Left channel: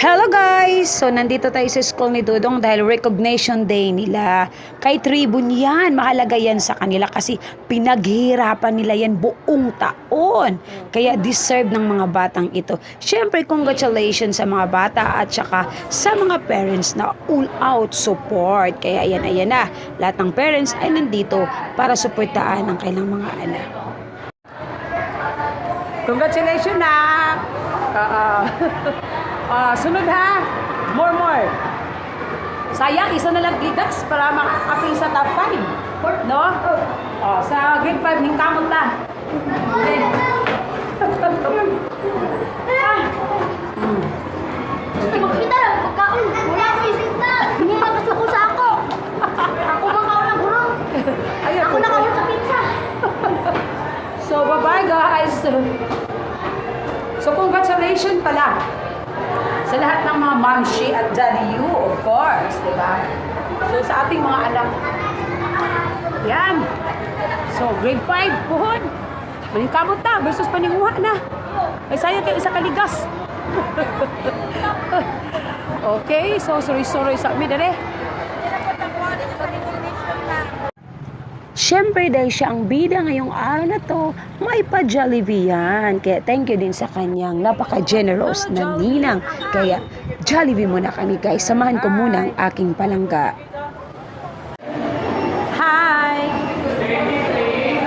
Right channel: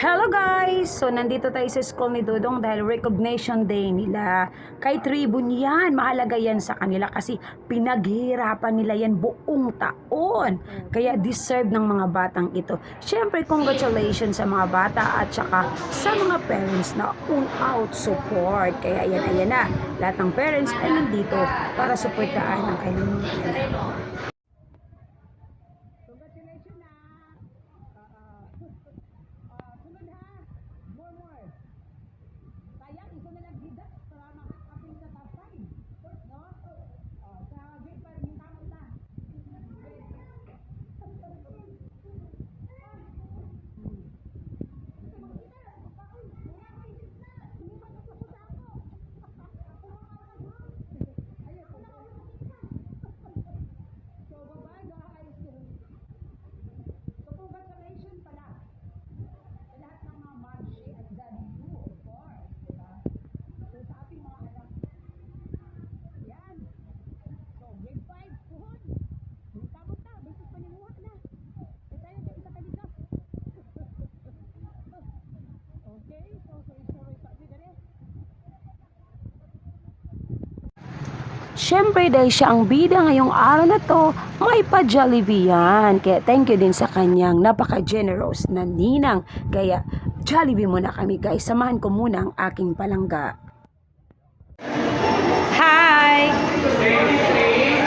Hello guys! So nandito tayo sa school ni Dudong dahil recognition day nila. Kay Tribune yan, mahalaga yan sa kanila kasi pinaghihirapan nila yan buong taon. Kaya deserve ng mga batang ito. Siyempre, congratulations sa mga bata at saka sa mga parents na all out support. Kaya ayan, ayan na. Lahat ng parents ay nandito para suportaan ang kailang mga anak. Congratulations na! Ah, sunod ha. More, more. Sayang, isa na lang ligas para makakaping sa top 5. No? Oh, sa grade 5, hingkamot na. Okay. Magkita lang, pagkaon. Wala ko isip na. Hindi magkasuko sa ako. Ako makaon ng guro. Ayun, Ako nakaon sa pizza. So, bye-bye guys. So, congratulations pala sa lahat ng mga mamshi at daddy you, of course, di ba? So, sa ating mga anak. Yan. So, grade 5, puhon. Maningkamot na versus paninguha na. Ay, sayang kayo isa kaligas. okay, so sorry-sorry sa amin, dali. Siyempre dahil siya ang bida ngayong araw na to, may pa-Jollibee yan. Kaya thank you din sa kanyang napaka-generous na ninang. Kaya Jollibee muna kami guys. Samahan ko muna ang aking palangga. Hi!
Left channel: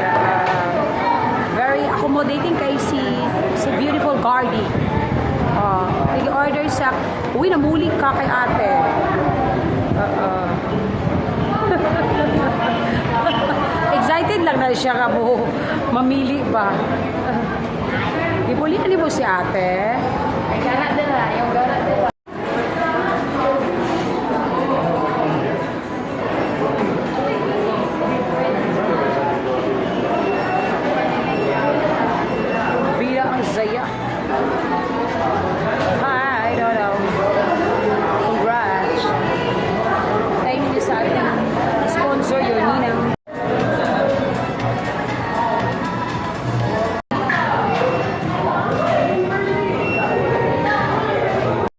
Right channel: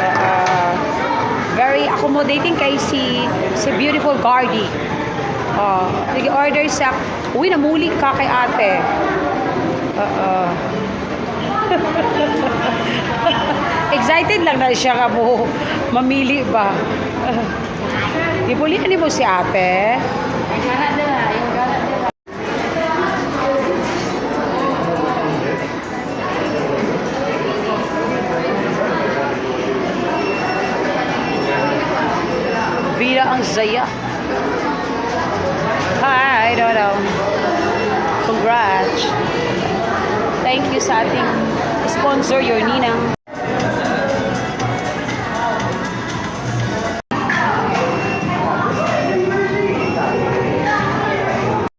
Uh, very accommodating kay si si beautiful Gardy. Uh, nag-order sa uwi namuli ka kay ate. Uh, Excited lang na siya ka mo mamili ba. Di mo lihan mo si ate. Ay, gara nila. Yung gara. Vira ang Zaya. Hi, Dodo. Congrats. Thank you sa ating sponsor, your Ninang.